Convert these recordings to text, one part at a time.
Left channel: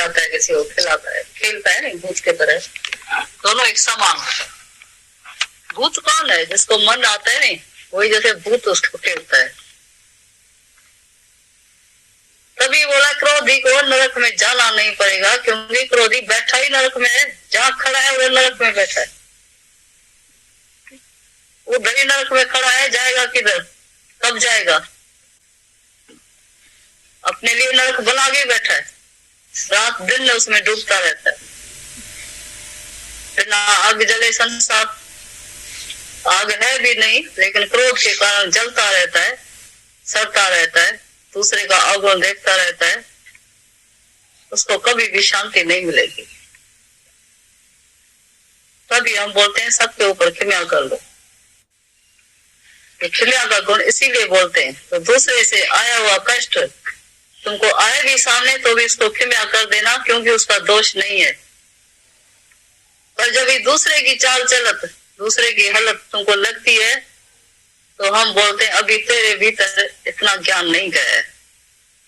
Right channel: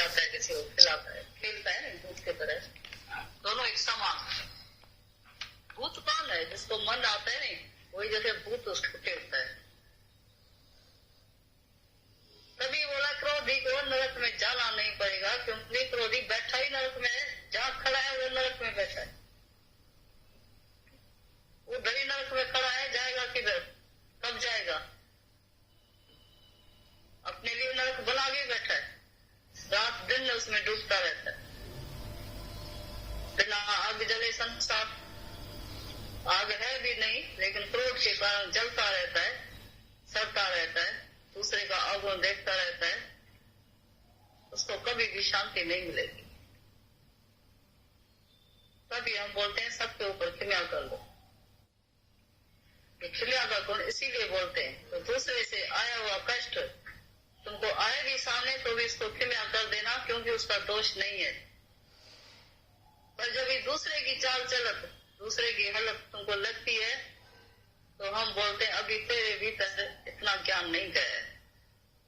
जाता है, किसी को खिलाता है, खेलता है नहीं, भूत के तरह। दोनों एक समान होता है। भूत कौन है? जिसको मन आता है नहीं, वही जैसे भूत उसको खेलता है। तभी बोला क्रोधी को नरक में जाना नहीं पड़ेगा, क्योंकि क्रोधी बैठा ही नरक में है। जहाँ खड़ा है वो नरक में बैठा है। वो दही नरक में खड़ा है, जाएगा किधर? कब जाएगा? अपने लिए नरक बना के बैठा है, रात दिन उसमें डूबता रहता है। फिर ना आग जले संसार, आग है भी नहीं, लेकिन क्रोध के कारण जलता रहता है, सड़ता रहता है, दूसरे का अवगुण देखता रहता है। उसको कभी भी शांति नहीं मिलेगी। तभी हम बोलते हैं सबके ऊपर क्षमा कर लो। क्षमा का गुण इसीलिए बोलते हैं, तो दूसरे से आया हुआ कष्ट तुमको आए भी सामने तो भी उसको क्षमा कर देना, क्योंकि उसका दोष नहीं है। पर जब ये दूसरे की चाल चलत, दूसरे की हालत तुमको लगती है, तो हम बोलते हैं अभी तेरे भीतर इतना ज्ञान नहीं गया है।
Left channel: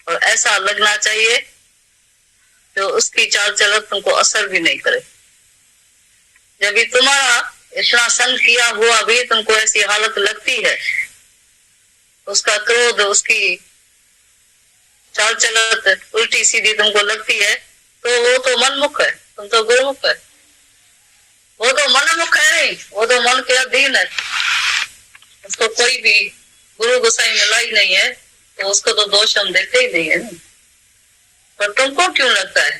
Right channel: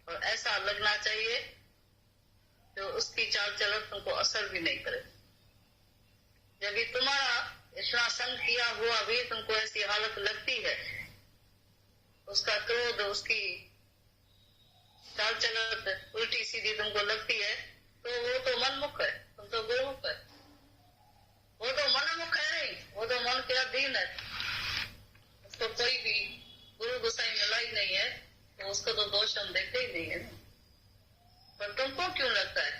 और ऐसा लगना चाहिए तो उसकी चाल चलत तुमको असर भी नहीं करे। जब भी तुम्हारा इतना संग किया हुआ भी तुमको ऐसी हालत लगती है, उसका क्रोध, उसकी चाल चलत उल्टी सीधी तुमको लगती है, तो वो तो मनमुख है, तुम तो गुरुमुख है। वो तो मनमुख है नहीं, वो तो मन के अधीन है। उसको कोई भी गुरु गोसाई मिला ही नहीं है, तो उसको तो दोष हम देते ही नहीं है। पर तुमको क्यों लगता है?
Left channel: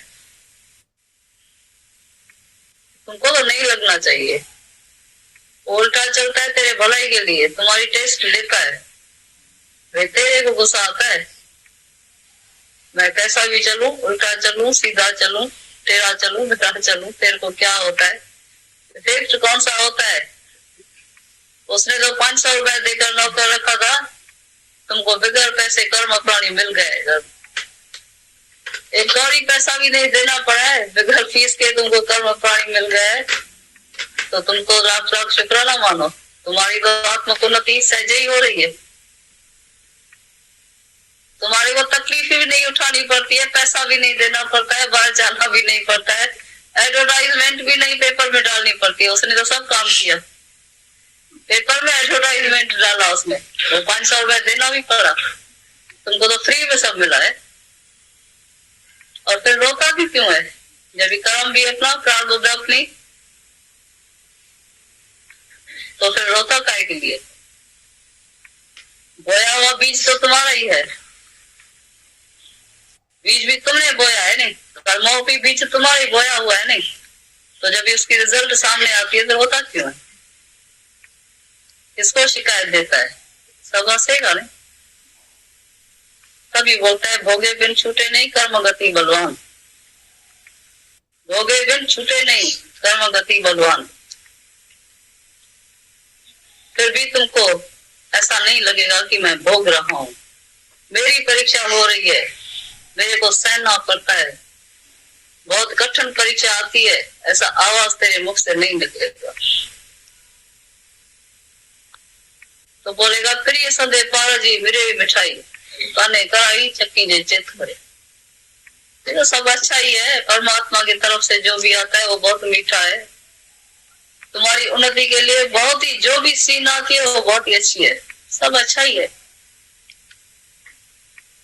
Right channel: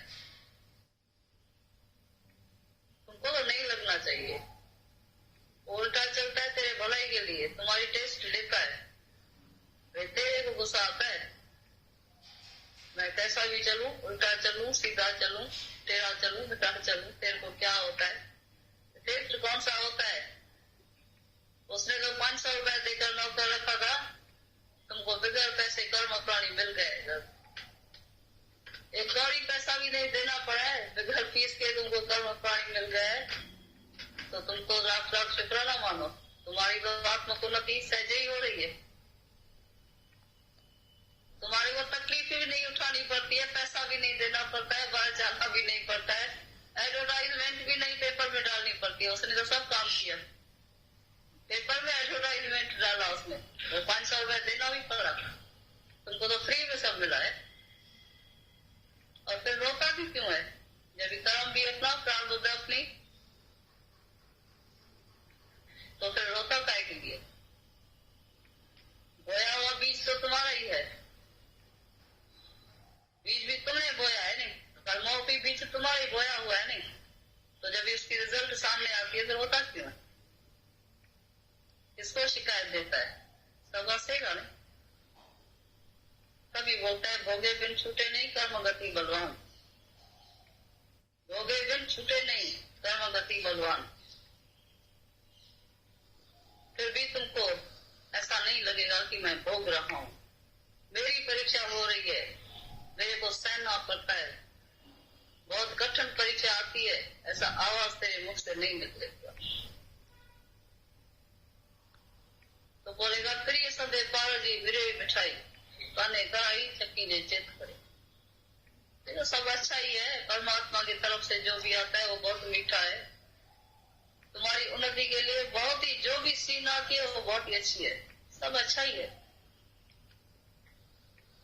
तुमको तो नहीं लगना चाहिए। उल्टा चलता है तेरे भलाई के लिए, तुम्हारी टेस्ट लेता है। वे तेरे को गुस्सा आता है, मैं कैसा भी चलूं, उल्टा चलूं, सीधा चलूं, टेढ़ा चलूं, बेटा चलूं, तेरे को क्या होता है? टेस्ट कौन सा होता है? उसने तो 500 रुपए देकर नौकर रखा था, तुमको बगैर पैसे कर्म प्राणी मिल गए। एक कौड़ी पैसा भी नहीं देना पड़ा है, बगैर फीस के तुमको कर्म प्राणी मिल गए, तो तुमको लाख लाख शुक्राना मानो। तुम्हारी तो आत्मोन्नति सहजे ही हो रही है। तुम्हारे को तकलीफ भी नहीं उठानी पड़ती है, पैसा भी नहीं देना पड़ता है, बाहर जाना भी नहीं पड़ता है, एडवर्टाइजमेंट भी नहीं पेपर में डालनी पड़ती है। उसने तो सब काम किया, पेपर में एडवर्टाइजमेंट डाला उसने, वो 500 रुपए देना भी पड़ा। तुमको तो फ्री में सब मिला है। और फिर रोता भी क्यों है? जब कर्म भी अपना, प्रारब्ध अपनी, तो फिर रोता काहे के लिए? बोया हुआ बीज तो तुम्हारा ही है, बीज भी तुमने बोया है नहीं, कर्मों भी बीज तुम्हारी बोया हुआ है नहीं, तो जब उसकी रिजल्ट सामने आती है तो होता क्यों है? किसको शिकायत देता है? सब हंसेगा नहीं। तभी बोलता है भोगे बिन छूटे नहीं कर्म गति बलवान। भोगे बिन छूटे नहीं कर्म गति बलवान। फिर भी तुमको ऐसा नहीं लगेगा कि मैं भोग रहा हूं, मेरी परीक्षा हो रही है, मेरे को सहना पड़ता है, बहुत कठिन परीक्षा आती है, ऐसा आवाज तेरे मुख से नहीं निकलेगा। तो बोलेगा प्रिय संदे पारा जी मेरे मिठाई काने कराई चक्की जे चित करे। तो सब अच्छा ही है, परमात्मा की तरफ से जो भी आता है वो बहुत मीठा है। तुम्हारी उन्नति के लिए बहुत ही, जो भी सीन आती है वो बहुत ही अच्छी है, सब अच्छा ही है।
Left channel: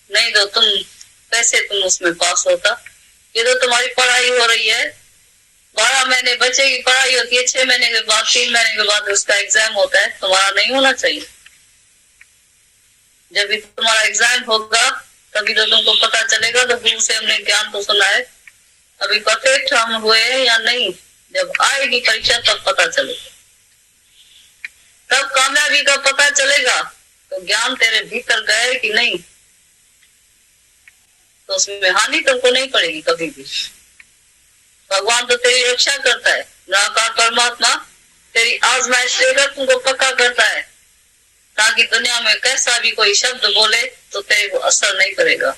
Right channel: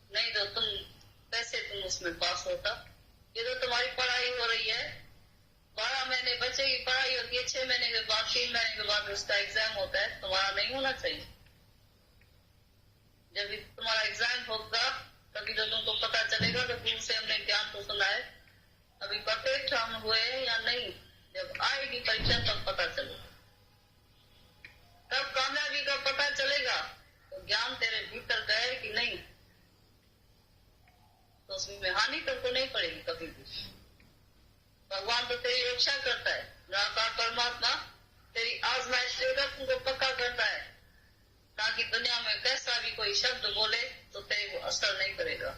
नहीं तो तुम कैसे तुम उसमें पास होता? ये तो तुम्हारी पढ़ाई हो रही है, 12 महीने बच्चे की पढ़ाई होती है, 6 महीने के बाद, 3 महीने के बाद उसका एग्जाम होता है। तुम्हारा नहीं होना चाहिए। जब भी तुम्हारा एग्जाम होगा तभी तो तुमको पता चलेगा। तो गुरु से हमने ज्ञान तो सुना है, अभी परफेक्ट हम हुए या नहीं, जब आएगी परीक्षा तब पता चलेगा, तब कामयाबी का पता चलेगा। तो ज्ञान तेरे भीतर गए कि नहीं, तो उसमें हानि तुमको नहीं पड़ेगी कभी भी। भगवान तो तेरी रक्षा करता है, निराकार परमात्मा तेरी आजमाइश लेकर तुमको पक्का करता है, ताकि दुनिया में कैसा भी कोई शब्द बोले तो तेरे को असर नहीं करेगा।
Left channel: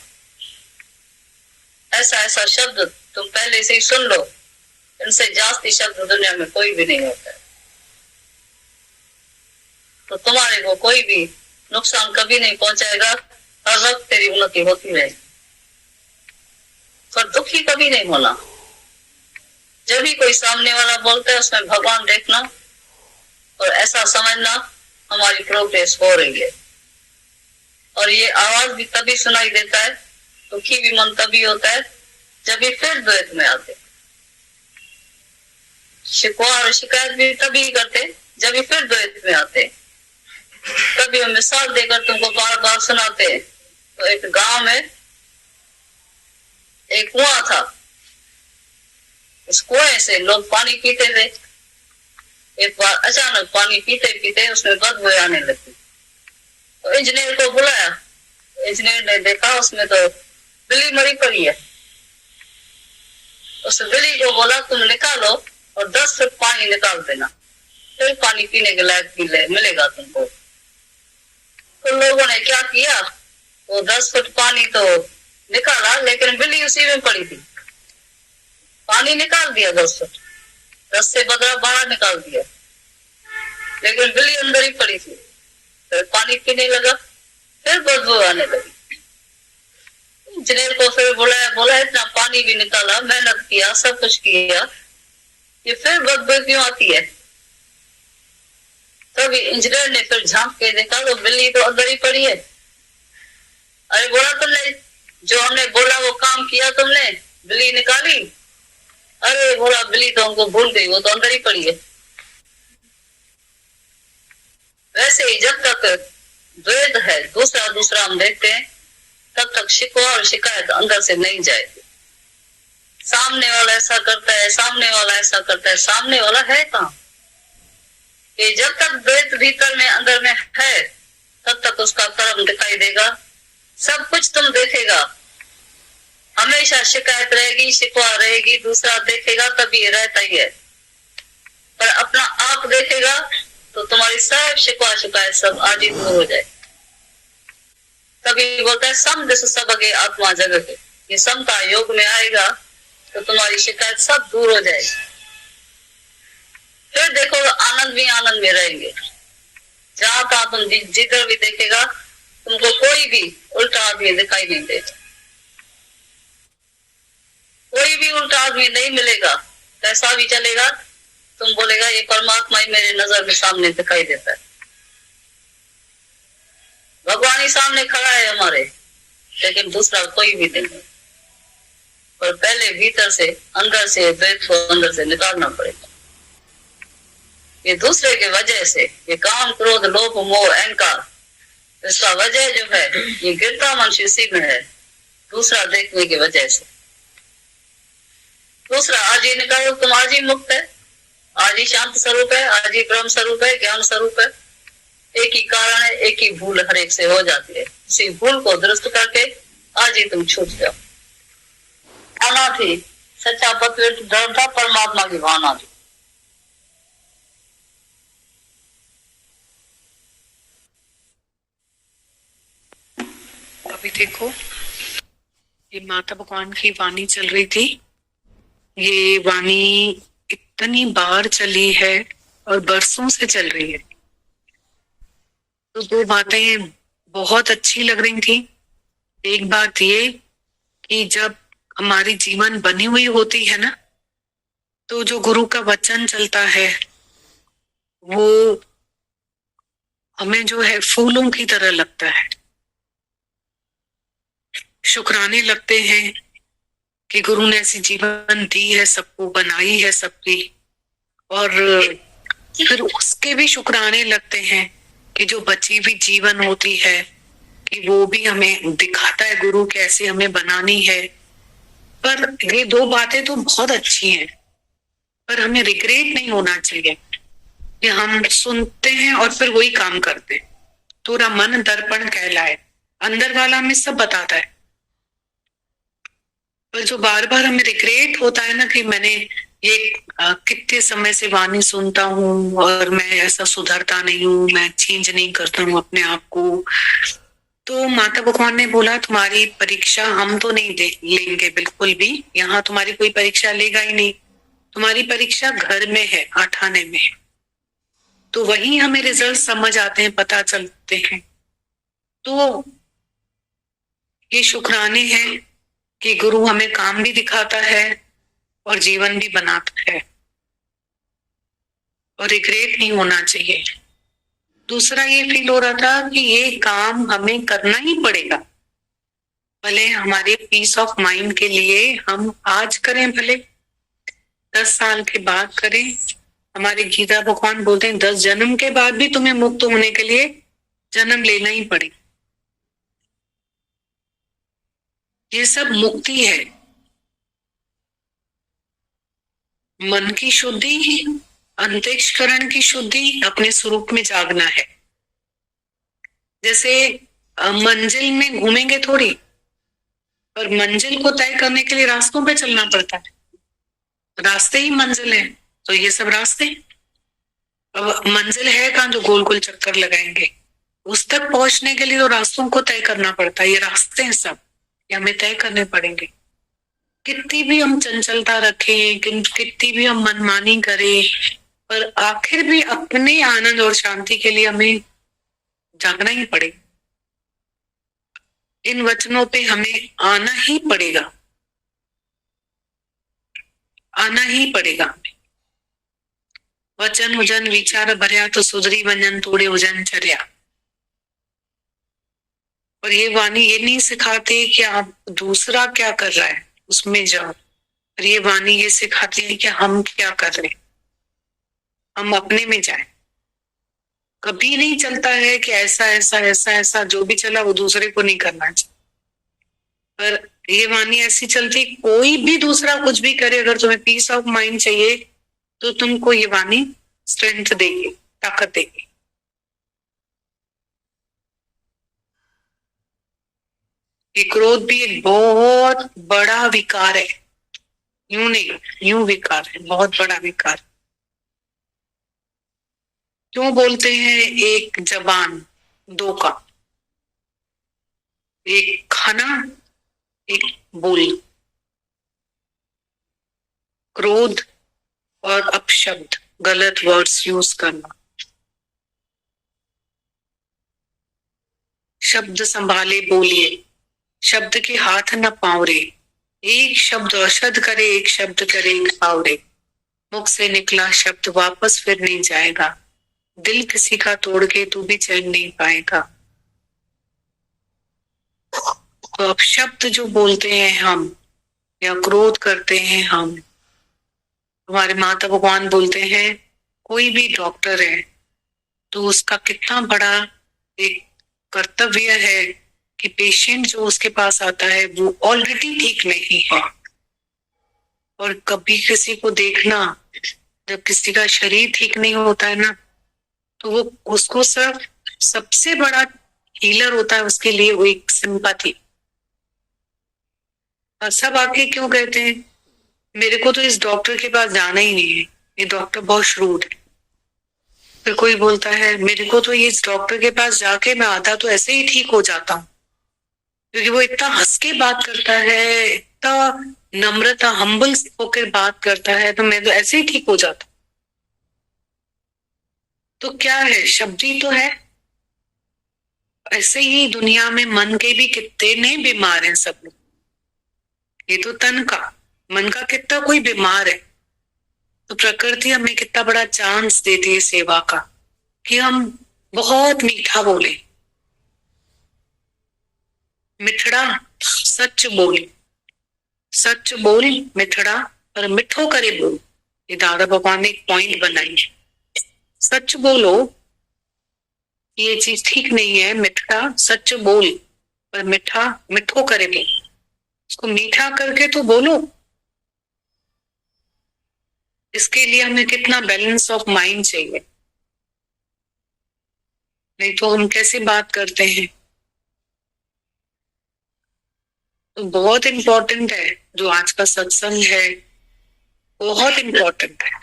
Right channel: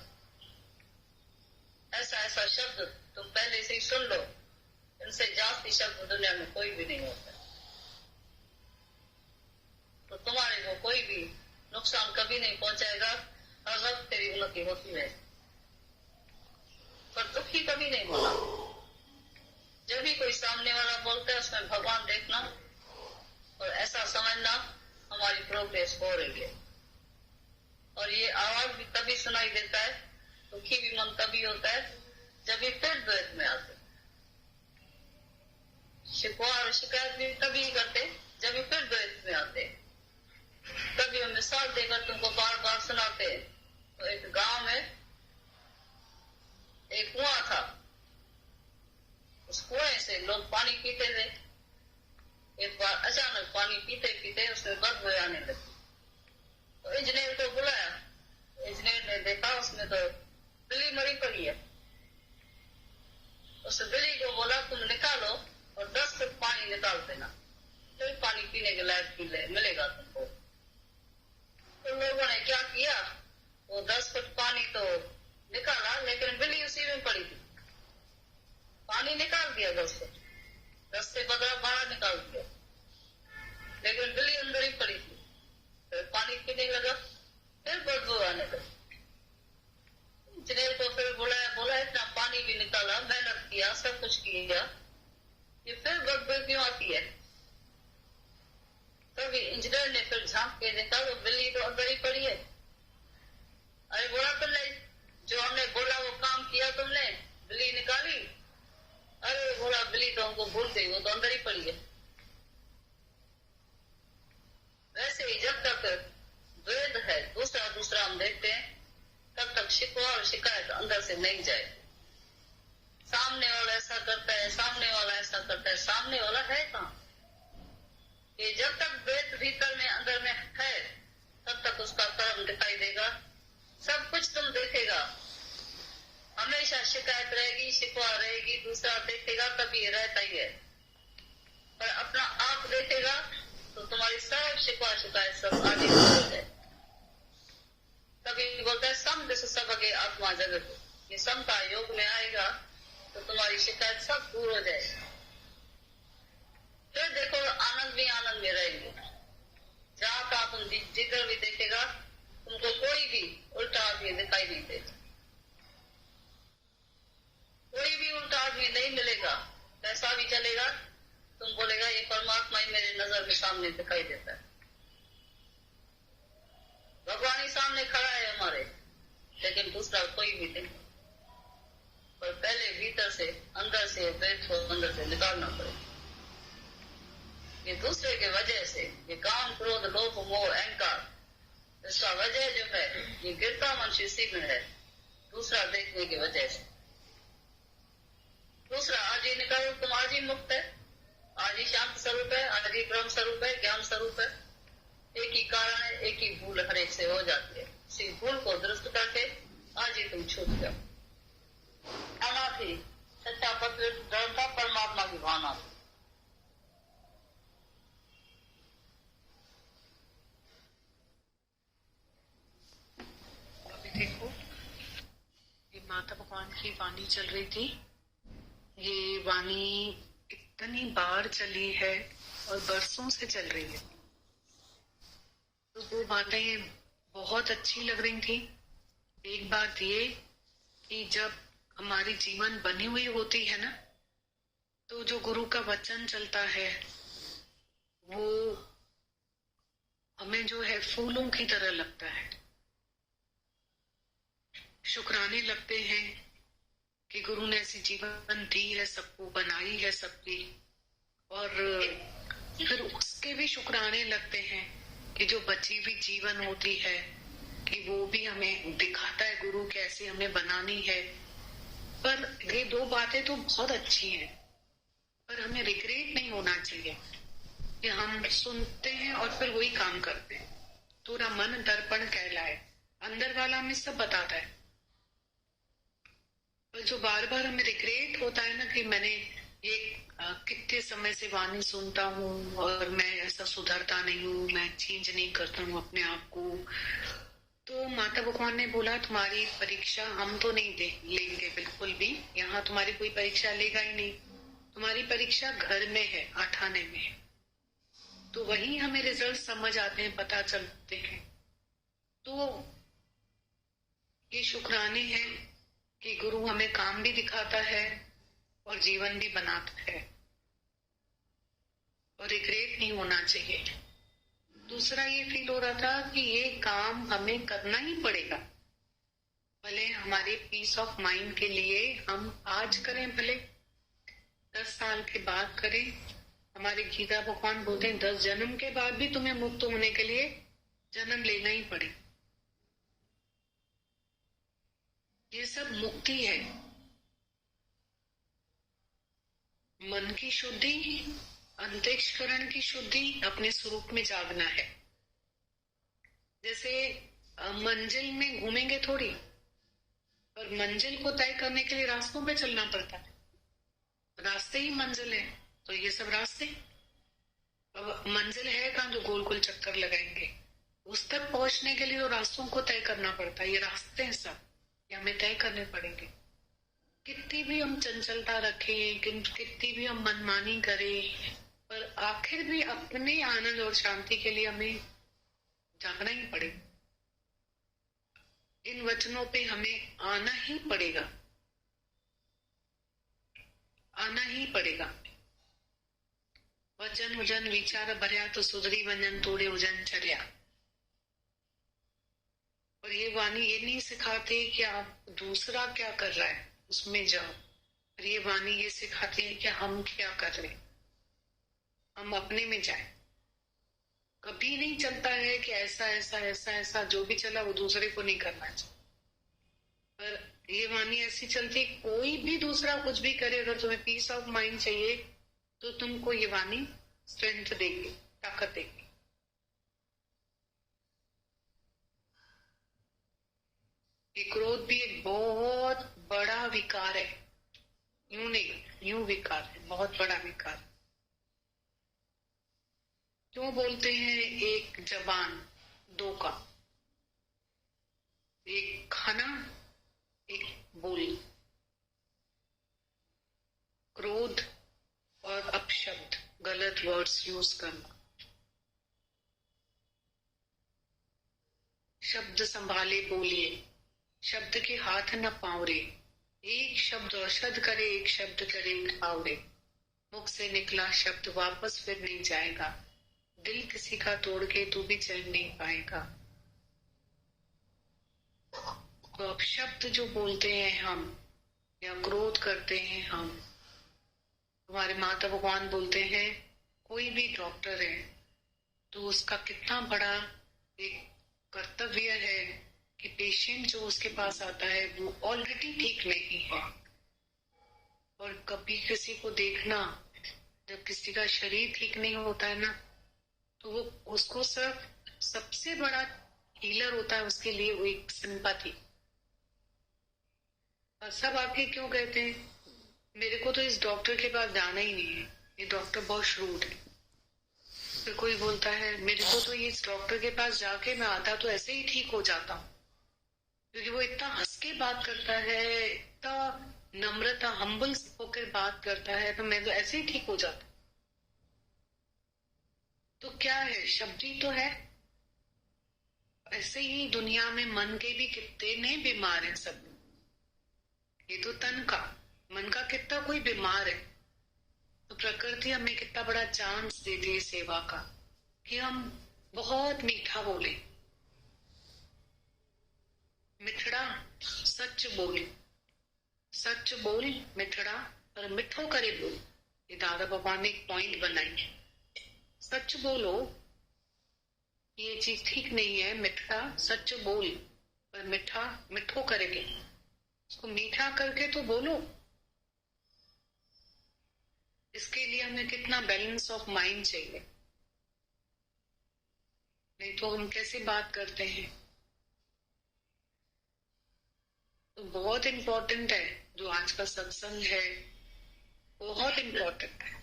ऐसा ऐसा शब्द तुम पहले से ही सुन लो, इनसे जास्ती शब्द दुनिया में कोई भी नहीं होता है, तो तुम्हारे को कोई भी नुकसान कभी नहीं पहुंचाएगा। हर वक्त तेरी उन्नति होती रहेगी। पर दुखी कभी नहीं होना। जब भी कोई सामने वाला बोलता है उसमें भगवान देखना और ऐसा समझना हमारी प्रोग्रेस हो रही है। और ये आवाज भी तभी सुनाई देता है, दुखी भी मन तभी होता है जब ये फिर द्वैत में आते। शिकवा और शिकायत भी तभी करते जब ये फिर द्वैत में आते। कभी हम मिसाल देकर तुमको बार बार सुनाते हैं। तो एक गांव में एक कुआं था। उस कुएं से लोग पानी पीते थे। एक बार अचानक पानी पीते पीते उसमें बदबू आने लगी। तो इंजीनियर को बुलाया। इंजीनियर ने देखा उसमें तो बिल्ली मरी पड़ी है। उस बिल्ली को बोला तुम निकालो और 10 फुट पानी निकाल देना, फिर पानी पीने के लायक मिलेगा तुमको। तो लोगों ने क्या किया, वो 10 फुट पानी तो निकाला लेकिन बिल्ली उसी में पड़ी थी। पानी निकाल दिया 10 फुट, 10 से बदला बाहर निकाल दिया, लेकिन बिल्ली अंदर ही पड़ी थी। फिर पानी पीने लगा, फिर बदबू आने लगी। इंजीनियर को फिर बोला इतना पानी भी निकाला, मेहनत किया, सब कुछ किया, ये फिर बदबू क्यों आती है? तभी इंजीनियर ने फिर झांक के देखा तो बिल्ली तो अंदर ही पड़ी है। अरे बोला तुमने, जो हमने बोला वो काम किया तुमने, बिल्ली निकाली? अरे बोला बिल्ली तो हमको भूल गई, वो तो अंदर ही पड़ी है। वैसे ही जब तक द्वैत है, दूसरा दूसरा हम देखते हैं, तब तक शिकवा और शिकायत अंदर से नहीं जाएगी। सामने वाला ऐसा करता है, सामने वाला ऐसा करता है, सामने वाला है कहाँ? कि जब तक द्वैत भीतर में अंदर में है तब तक उसका कर्म दिखाई देगा, सब कुछ तुम देखेगा। हमेशा शिकायत रहेगी, शिकवा रहेगी, दूसरा देखेगा तभी रहता ही है। पर अपना आप देखेगा तो तुम्हारी सब शिकवा शिकायत सब आज ही दूर हो जाए। तभी बोलता है सम दिस सब अगे आत्मा जगत। ये समता योग में आएगा तो तुम्हारी शिकायत सब दूर हो जाएगी। फिर देखो आनंद भी आनंद में रहेंगे। जहां तहां तुम जिधर भी देखेगा तुमको कोई भी उल्टा आदमी दिखाई नहीं देगा, कोई भी उल्टा आदमी नहीं मिलेगा। कैसा भी चलेगा तुम बोलेगा ये परमात्मा ही मेरे नजर में सामने दिखाई देता है। भगवान ही सामने खड़ा है हमारे, लेकिन दूसरा कोई भी नहीं। पर पहले भीतर से अंदर से द्वैत को अंदर से निकालना पड़ेगा। ये दूसरे के वजह से, ये काम क्रोध लोभ मोह अहंकार, इसका वजह जो है ये गिरता मनुष्य इसी में है, दूसरा देखने की वजह से। दूसरा आज ही निकालो, तुम आज ही मुक्त है, आज ही शांत स्वरूप है, आज ही ब्रह्म स्वरूप है, ज्ञान स्वरूप है। एक ही कारण है, एक ही भूल हर एक से हो जाती है। उसी भूल को दुरुस्त करके आज ही तुम छूट जाओ। भावना थी, सच्चा पवित्र धर्म था, परमात्मा की भावना थी। अभी देखो ये माता भगवान की वाणी चल रही थी। ये वाणी इतनी बार चली है और बरसों से चल रही है। तो दो बातें बहुत अच्छी लग रही थी। एक बात ये कि जब हमारी जीवन बनी हुई होती है ना, तो जो गुरु का वचन चलता है वो हमें जो है फूलों की तरह लगता है। शुक्राने लगते हैं कि गुरु ने ऐसी जीवन दी है, सबको बनाई है सबकी। और फिर उसके भी शुक्राने लगते हैं कि जो बची हुई जीवन होती है कि वो भी हमें दिखाता है गुरु कैसे हमें बनानी है। पर ये दो बातें तो बहुत अच्छी हैं, पर हमें रिग्रेट नहीं होना चाहिए कि हम सुनते हैं और फिर वही काम करते हैं। थोड़ा मन दर्पण कहलाए, अंदर वाला हमें सब बताता है, पर जो बार बार हमें रिग्रेट होता है ना कि मैंने ये कितने समय से वाणी सुनता हूँ और मैं ऐसा सुधरता नहीं हूँ, मैं चेंज नहीं करता हूँ अपने आप को। तो माता भगवान ने बोला तुम्हारी परीक्षा हम तो नहीं लेंगे बिल्कुल भी, यहाँ तुम्हारी कोई परीक्षा लेगा ही नहीं। तुम्हारी परीक्षा घर में है, आठाने में है। तो वही हमें रिजल्ट समझ आते हैं, पता चलते हैं। तो ये शुक्राने हैं कि गुरु हमें काम भी दिखाता है और जीवन भी बनाता है, और रिग्रेट नहीं होना चाहिए। दूसरा ये फील हो रहा था कि ये काम हमें करना ही पड़ेगा, भले हमारे पीस ऑफ माइंड के लिए हम आज करें, भले 10 साल के बाद करें। हमारे गीता भगवान बोलते हैं 10 जन्म के बाद भी तुम्हें मुक्त होने के लिए जन्म लेना ही पड़ेगा। ये सब मुक्ति है, मन की शुद्धि, अंतःकरण की शुद्धि, अपने स्वरूप में जागना है। जैसे मंजिल में घूमेंगे थोड़ी, पर मंजिल को तय करने के लिए रास्तों पे चलना पड़ता है, रास्ते ही मंजिल है। तो ये सब रास्ते, अब मंजिल है कहाँ जो गोल गोल चक्कर लगाएंगे, उस तक पहुंचने के लिए तो रास्तों को तय करना पड़ता है। ये रास्ते हैं सब, ये हमें तय करने पड़ेंगे। कितनी भी हम चंचलता रखें, कितनी भी हम मनमानी करें, पर आखिर भी अपने आनंद और शांति के लिए हमें जागना ही पड़ेगा। इन वचनों पे हमें आना ही पड़ेगा, आना ही पड़ेगा। वचन हुजन विचार भर्या तो सुधरी वंजन तोड़े हुजन चर्या। और ये वाणी ये नहीं सिखाती कि आप दूसरा क्या कर रहा है उसमें जाओ, और ये वाणी ये सिखाती है कि हम क्या कर रहे हैं, हम अपने में जाए। कभी नहीं चलता है कि ऐसा ऐसा ऐसा ऐसा जो भी चला वो दूसरे को नहीं करना चाहिए, पर ये वाणी ऐसी चलती, कोई भी दूसरा कुछ भी करे, अगर तुम्हें पीस ऑफ माइंड चाहिए तो तुमको ये वाणी स्ट्रेंथ देगी, ताकत देगी। ये क्रोध भी एक बहुत बड़ा विकार है, यूं नहीं, यूं विकार है, बहुत बड़ा विकार। क्यों बोलते हैं एक जबान दो का, एक खाना एक बोल, क्रोध और अपशब्द, गलत वर्ड्स यूज करना। शब्द संभाले बोलिए, शब्द के हाथ न पावरे, एक शब्द औषध करे, एक शब्द करे पावरे। मुख से निकला शब्द वापस फिर नहीं जाएगा, दिल किसी का तोड़ के तू भी चैन नहीं पाएगा। तो अब शब्द जो बोलते हैं हम, या क्रोध करते हैं हम, हमारे माता भगवान बोलते हैं कोई भी डॉक्टर है तो उसका कितना बड़ा एक कर्तव्य है कि पेशेंट जो उसके पास आता है वो ऑलरेडी ठीक नहीं है। और कभी किसी को देखना, जब किसी का शरीर ठीक नहीं होता है ना, तो वो उसको सिर्फ सबसे बड़ा हीलर होता है उसके लिए वो एक सिंपैथी। और सब आके क्यों कहते हैं मेरे को तो इस डॉक्टर के पास जाना ही नहीं है, ये डॉक्टर बहुत श्रूड है। फिर कोई बोलता है मेरे को तो ये इस डॉक्टर के पास जाके मैं आधा तो ऐसे ही ठीक हो जाता हूँ, क्योंकि वो इतना हंस के बात करता है, इतना नम्रता हम्बल होकर बात करता है, तो मैं तो ऐसे ही ठीक हो जाता। तो क्या है, शब्द ही तो है। ऐसे ही दुनिया में मन के भी कितने बीमार हैं सब लोग। ये तो तन का, मन का कितना कोई बीमार है। तो प्रकृति हमें कितना बड़ा चांस देती है सेवा का, कि हम बहुत मीठा बोले, मिठड़ा सच बोल, सच बोल मिठड़ा पर मिठो करे बोल। ये दादा भगवान ने एक पॉइंट बनाई है, सच बोलो ये चीज ठीक नहीं है, मिठड़ा सच बोल पर मिठा मिठो करे बोल, इसको मीठा करके तो बोलो। इसके लिए हमें कितना बैलेंस ऑफ माइंड चाहिए, नहीं तो हम कैसे बात करते हैं। तो बहुत इंपॉर्टेंट है जो आज का सत्संग है, बहुत इंपॉर्टेंट है।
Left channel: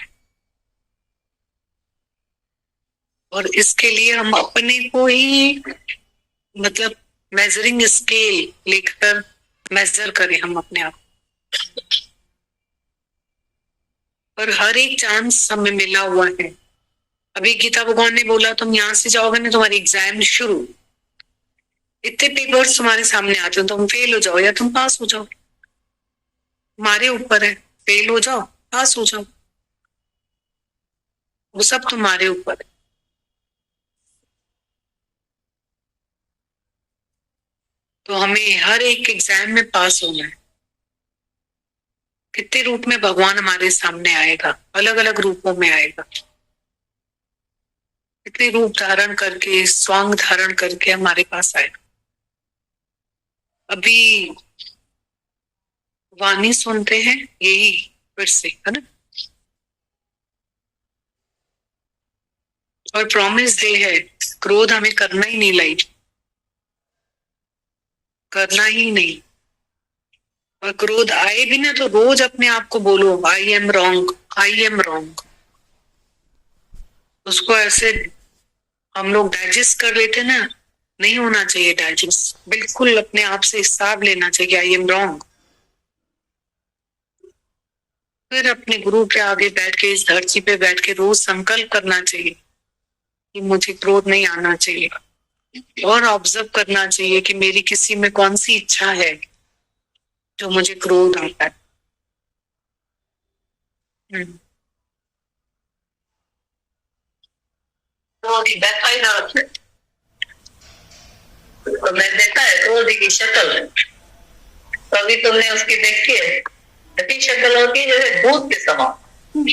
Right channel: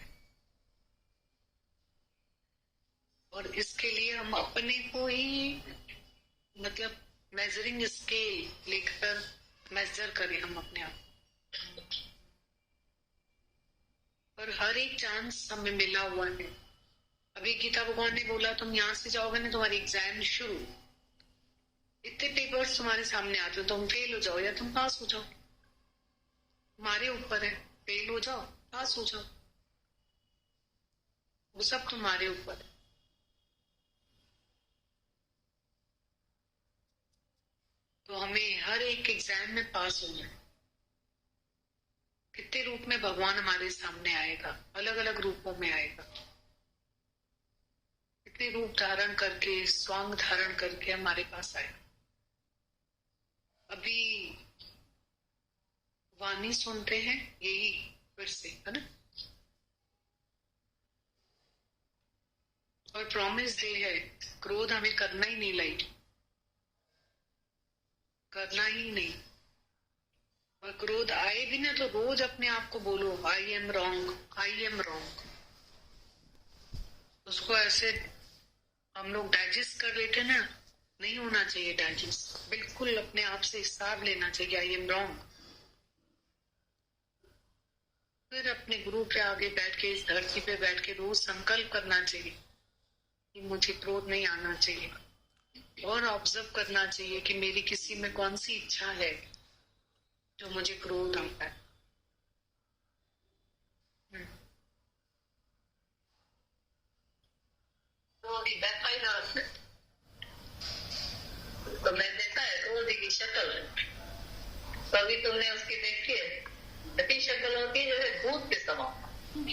और इसके लिए हम अपने को ही मतलब मेजरिंग स्केल लेकर मेजर करें हम अपने आप। पर हर एक चांस हमें मिला हुआ है। अभी गीता भगवान ने बोला तुम यहाँ से जाओगे ना, तुम्हारी एग्जाम शुरू, इतने पेपर्स तुम्हारे सामने आते हो, तुम फेल हो जाओ या तुम पास हो जाओ। तुम्हारे ऊपर है, फेल हो जाओ, पास हो जाओ, वो सब तुम्हारे ऊपर है। तो हमें हर एक एग्जाम में पास होना है। कितने रूप में भगवान हमारे सामने आएगा, अलग अलग रूपों में आएगा, कितने रूप धारण करके, स्वांग धारण करके हमारे पास आएगा। अभी वाणी सुनते हैं यही फिर से, है ना। और प्रॉमिस डे है, क्रोध हमें करना ही नहीं, लाई करना ही नहीं। और क्रोध आए भी ना तो रोज अपने आप को बोलो I am wrong, I am wrong. उसको ऐसे हम लोग डाइजेस्ट कर लेते ना, नहीं होना चाहिए डाइजेस्ट, बिल्कुल अपने आप से हिसाब लेना चाहिए, आई एम रॉन्ग। फिर अपने गुरु के आगे बैठ के, इस धरती पे बैठ के रोज संकल्प करना चाहिए कि मुझे क्रोध नहीं आना चाहिए, और ऑब्जर्व करना चाहिए कि मेरी किसी में कौन सी इच्छा है जो मुझे क्रोध आता है। तो बैठा ही ना रखे। तो मैं देखा है क्रोध की शक्ल, कभी तुमने उसकी देखी है? ऐसी शक्ल होती है जैसे भूत के समान।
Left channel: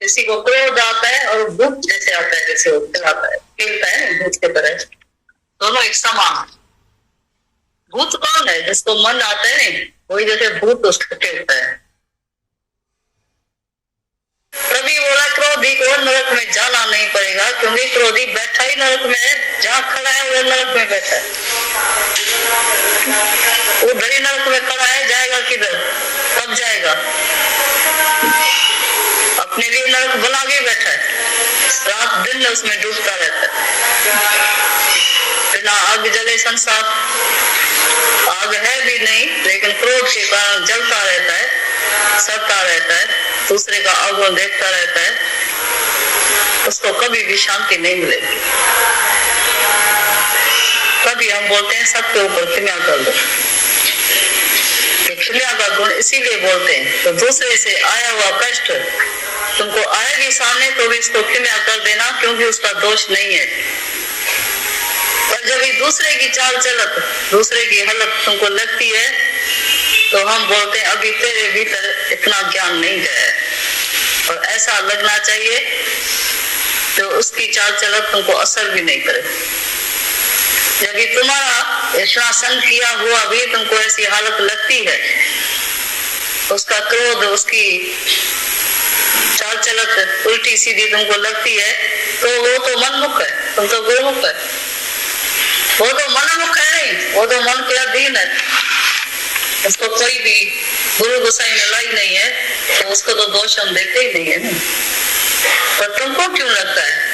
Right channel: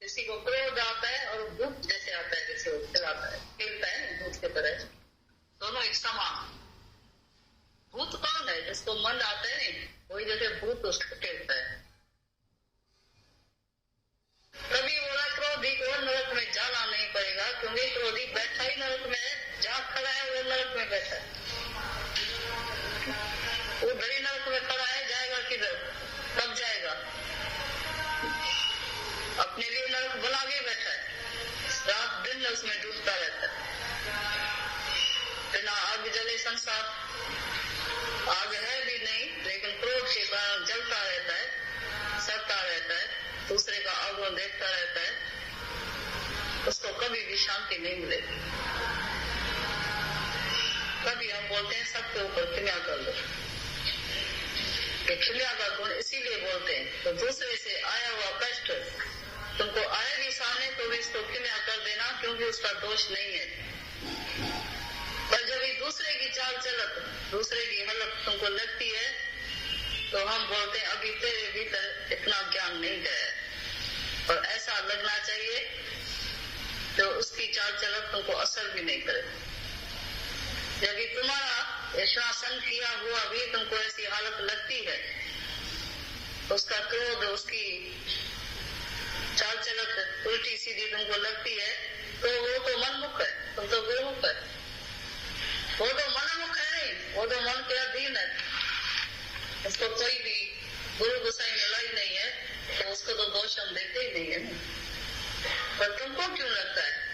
किसी को क्रोध आता है और भूत जैसे आता है, जैसे आता है, खेलता है भूत के तरह, दोनों एक समान। भूत कौन है? जिसको मन आता है नहीं, वही जैसे भूत उसको खेलता है। तभी बोला क्रोधी को नरक में जाना नहीं पड़ेगा, क्योंकि क्रोधी बैठा ही नरक में है, जहाँ खड़ा है वो नरक में बैठा है। वो धरी नरक में खड़ा है, जाएगा किधर? कब जाएगा? अपने लिए नरक बना के बैठा है, रात दिन उसमें डूबता रहता है। बिना आग जले संसार, आग है भी नहीं, लेकिन क्रोध के कारण जलता रहता है, सड़ता रहता है, दूसरे का अवगुण देखता रहता है, उसको कभी भी शांति नहीं मिलेगी। तभी हम बोलते हैं सबके ऊपर क्षमा कर दो। क्षमा का गुण इसीलिए बोलते हैं, तो दूसरे से आया हुआ कष्ट तुमको आएगी सामने तो भी इसको क्षमा कर देना, क्योंकि उसका दोष नहीं है। और जब ये दूसरे की चाल चलत, दूसरे की हालत तुमको लगती है, तो हम बोलते हैं अभी तेरे भीतर इतना ज्ञान नहीं गया है। और ऐसा लगना चाहिए तो उसकी चाल चलत तुमको असर भी नहीं करे। यदि तुम्हारा इतना संग किया हुआ भी तुमको ऐसी हालत लगती है, उसका क्रोध, उसकी चाल चलत उल्टी सीधी तुमको लगती है, तो वो तो मनमुख है, तुम तो गुरुमुख है। वो तो मनमुख है नहीं, वो तो मन के अधीन है, उसको कोई भी गुरु गोसाई मिला ही नहीं है, तो उसको तो दोष हम देखते ही नहीं है ना। पर तुमको क्यों लगता है?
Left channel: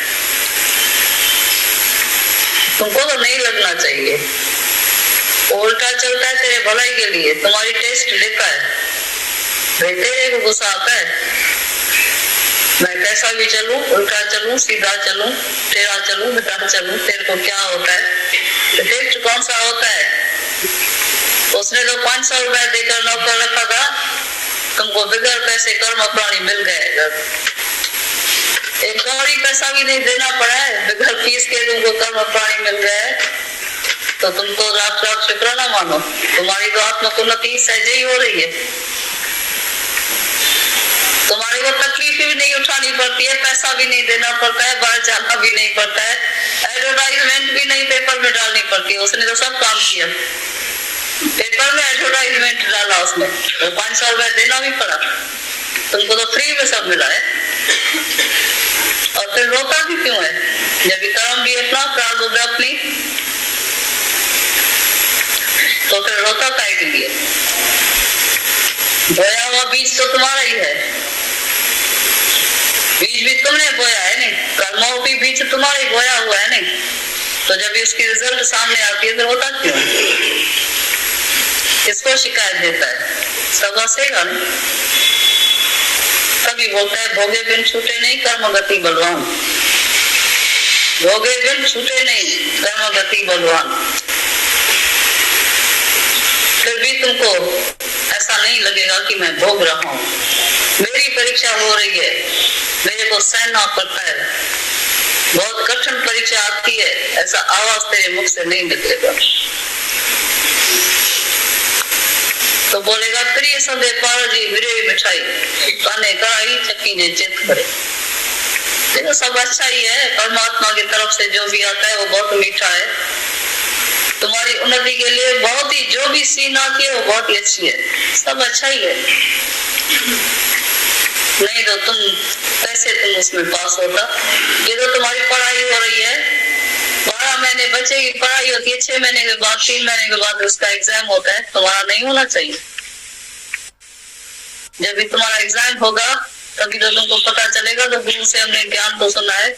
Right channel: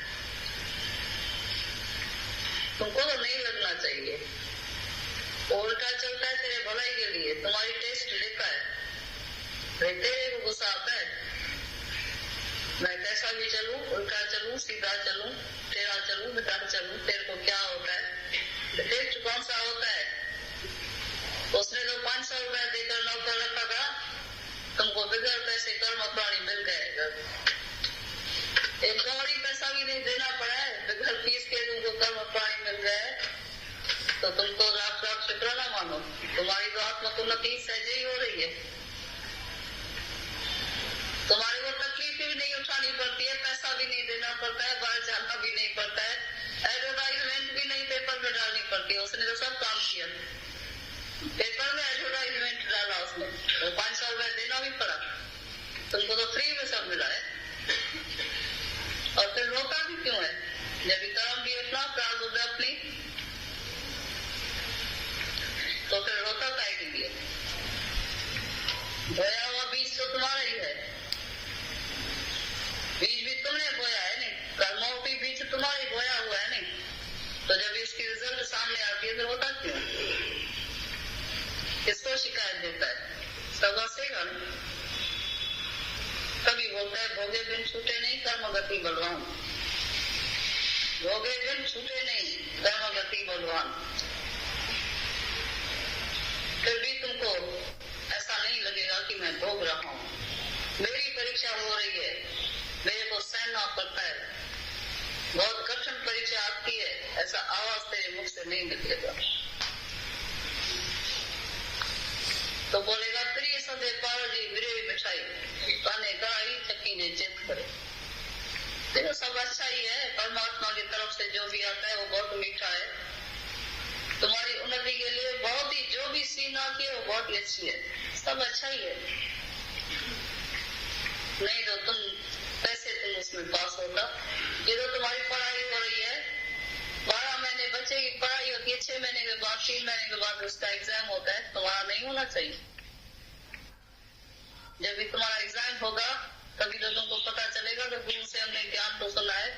तुमको तो नहीं लगना चाहिए। उल्टा चलता है तेरे भलाई के लिए, तुम्हारी टेस्ट लेता है, तेरे को गुस्सा आता है, मैं कैसा भी चलूं, उल्टा चलूं, सीधा चलूं, टेढ़ा चलूं, बेटा चलूं, तेरे को क्या होता है? टेस्ट कौन सा होता है? उसने तो 500 रुपया देकर नौकर रखा था, तुमको बगैर पैसे कर्म प्राणी मिल गए। एक कौड़ी पैसा भी नहीं देना पड़ा है, बगैर फीस के तुमको कर्म प्राणी मिल गए, तो तुमको रात रात शुक्राना मानो, तुम्हारी तो आत्मोन्नति सहज ही हो रही है। तुम्हारे को तकलीफ भी नहीं उठानी पड़ती है, पैसा भी नहीं देना पड़ता है, बाहर जाना भी नहीं पड़ता है, एडवर्टाइजमेंट भी नहीं पेपर में डालनी पड़ती है। उसने तो सब काम किया, पेपर में एडवर्टाइजमेंट डाला उसने, तो 500 रुपया देना भी पड़ा, तुमको तो फ्री में सब मिला है। और फिर रोता भी क्यों है? जब कर्म भी अपना, प्रारब्ध अपनी, तो फिर रोता काहे के लिए? बोया हुआ बीज तो तुम्हारा ही है, बीज भी तुमने बोया है नहीं, कर्मों की बीज तुम्हारा ही बोया हुआ है नहीं, तो जब इसकी रिजल्ट सामने आती है तो होता क्यों? किसको शिकायत देता है? सब हंसेगा नहीं। तभी बोलता है भोगे बिन छूटे नहीं, कर्म गति बलवान। भोगे बिन छूटे नहीं, कर्म गति बलवान। फिर भी तुमको नहीं लगेगा कि मैं भोग रहा हूँ। मेरी परीक्षा हो रही है, मेरे को सहना पड़ता है, बहुत कठिन परीक्षा आती है, ऐसा आवाज तेरे मुख से नहीं निकलेगा। तो बोलेगा प्रिय संदे पार जी विरे मिठाई काने कराई चक्की ने चित करे। देखो सब अच्छा ही है, परमात्मा की तरफ से जो भी आता है वो बहुत मीठा है, तुम्हारी उन्नति के लिए बहुत ही, जो भी सीन आती है वो बहुत ही अच्छी है, सब अच्छा ही है। नहीं तो तुम कैसे तुम उसमें पास होता। ये तो तुम्हारी पढ़ाई हो रही है, 12 महीने बच्चे की पढ़ाई होती है, 6 महीने के बाद 3 महीने के बाद उसका एग्जाम होता है, तुम्हारा नहीं होना चाहिए। जब भी तुम्हारा एग्जाम होगा तभी तो तुमको पता चलेगा। तो गुरु से हमने ज्ञान तो सुना है,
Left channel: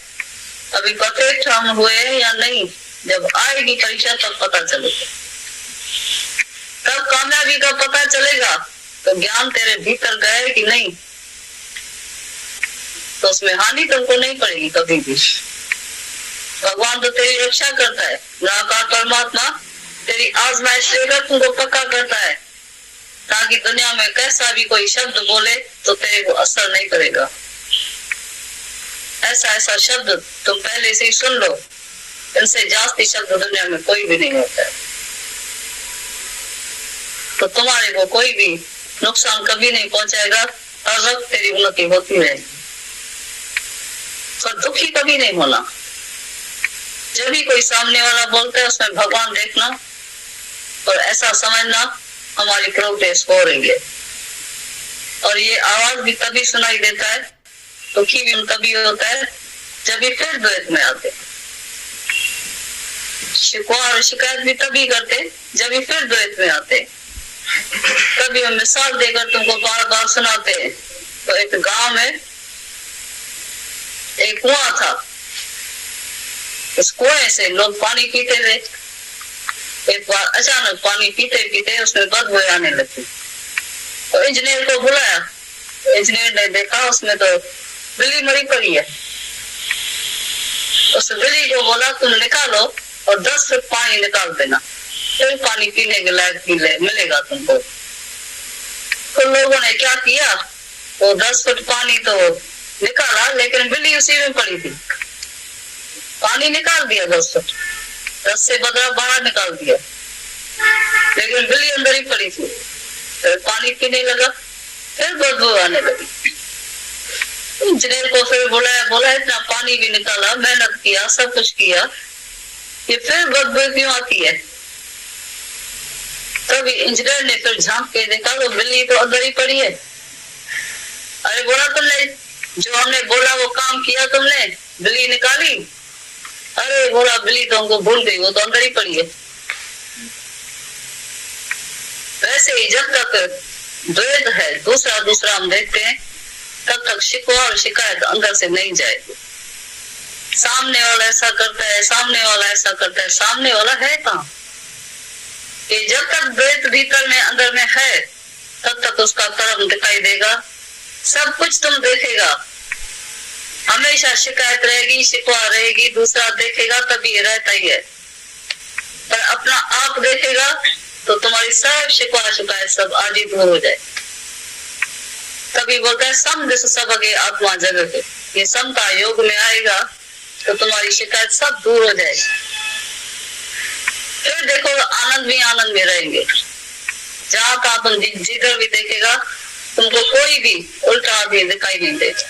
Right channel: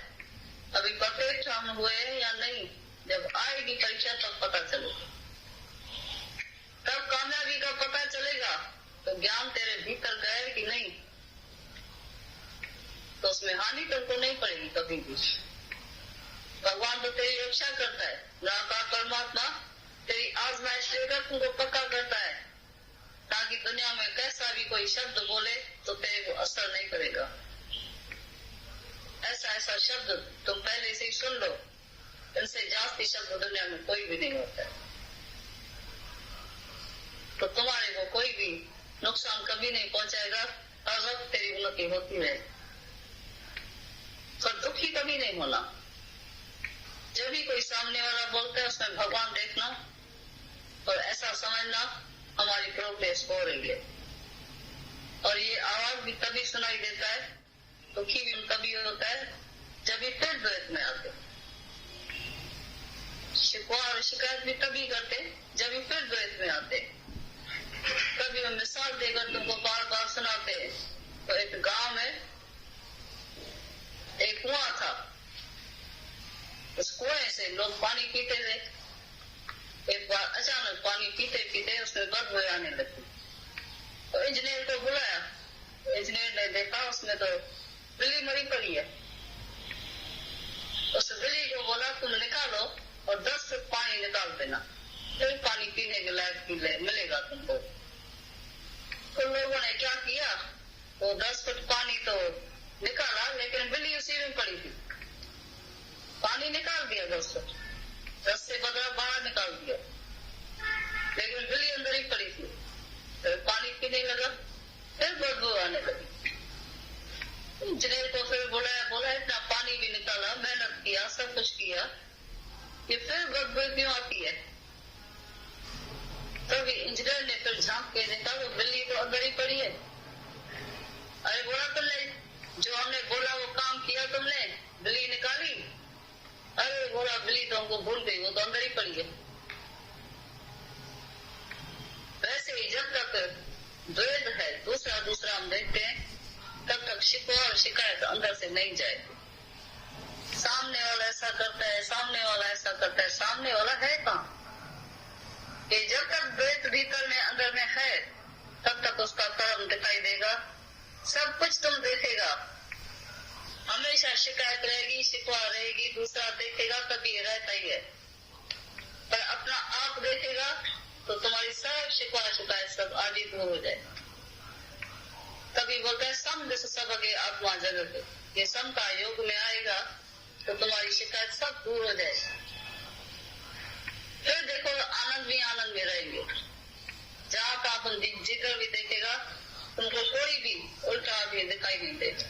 अभी परफेक्ट हम हुए या नहीं, जब आएगी परीक्षा तब पता चलेगा, तब कामयाबी का पता चलेगा। तो ज्ञान तेरे भीतर गए कि नहीं, तो उसमें हानि तुमको नहीं पड़ेगी कभी भी। भगवान तो तेरी रक्षा करता है, निराकार परमात्मा तेरी आजमाइश लेकर तुमको पक्का करता है, ताकि दुनिया में कैसा भी कोई शब्द बोले तो तेरे को असर नहीं करेगा। ऐसा ऐसा शब्द तुम पहले से ही सुन लो, इनसे जास्ती शब्द दुनिया में कोई भी नहीं होता है, तो तुम्हारे को कोई भी नुकसान कभी नहीं पहुंचाएगा, हर वक्त तेरी उन्नति होती रहेगी, तो दुखी कभी नहीं होना। जब भी कोई सामने वाला बोलता है उसमें भगवान देखना और ऐसा समझना हमारी प्रोग्रेस हो रही है। और ये आवाज भी तभी सुनाई देता है, दुखी भी तभी होता है जब भी फिर द्वैत में आते, शिकवा और शिकायत भी तभी करते जब भी फिर द्वैत में आते। कभी हम मिसाल देकर तुमको बार बार सुनाते हैं। तो एक गांव में एक कुआं था, उस कुएं से लोग पानी पीते थे। एक बार अचानक पानी पीते पीते उसमें बदबू आने लगी, तो इंजीनियर को बुलाया। इंजीनियर ने देखा उसमें तो बिल्ली मरी पड़ी है। उस बिल्ली को बोला तुम निकालो और 10 फुट पानी निकाल देना, फिर पानी पीने के लायक मिलेगा तुमको। तो लोगों ने क्या किया, वो 10 फुट पानी तो निकाला, लेकिन बिल्ली उसी में पड़ी थी। पानी निकाल दिया 10 फुट, 10 से बदला बाहर निकाल दिया, लेकिन बिल्ली अंदर ही पड़ी थी। फिर पानी पीने लगा, फिर बदबू आने लगी। इंजीनियर को फिर बोला इतना पानी भी निकाला, मेहनत किया, सब कुछ किया, ये फिर बदबू क्यों आती है। तभी इंजीनियर ने फिर झांक के देखा तो बिल्ली तो अंदर ही पड़ी है। अरे बोला तुमने, जो हमने बोला वो काम किया तुमने, बिल्ली निकाली। अरे बोला बिल्ली तो हमको भूल गई, वो तो अंदर ही पड़ी है। वैसे ही जब तक द्वैत है, दूसरा हम देखते हैं, तब तक शिकवा और शिकायत अंदर से नहीं जाएगी। सामने वाला ऐसा करता है, सामने वाला ऐसा करता है, सामने वाला है कहाँ। कि जब तक द्वैत भीतर में अंदर में है तब तक उसका कर्म दिखाई देगा, सब कुछ तुम देखेगा। हमेशा शिकायत रहेगी, शिकवा रहेगी, दूसरा देखेगा तभी रहता ही है, पर अपना आप देखेगा तो तुम्हारी सब शिकवा शिकायत सब आज ही दूर हो जाए। तभी बोलता है सम दिस सब आगे आत्मा जगत है। ये समता योग में आएगा तो तुम्हारी शिकायत सब दूर हो जाएगी, फिर देखो आनंद भी आनंद में रहेंगे। जहाँ का तुम जिधर भी देखेगा तुमको कोई भी उल्टा आदमी दिखाई नहीं देगा।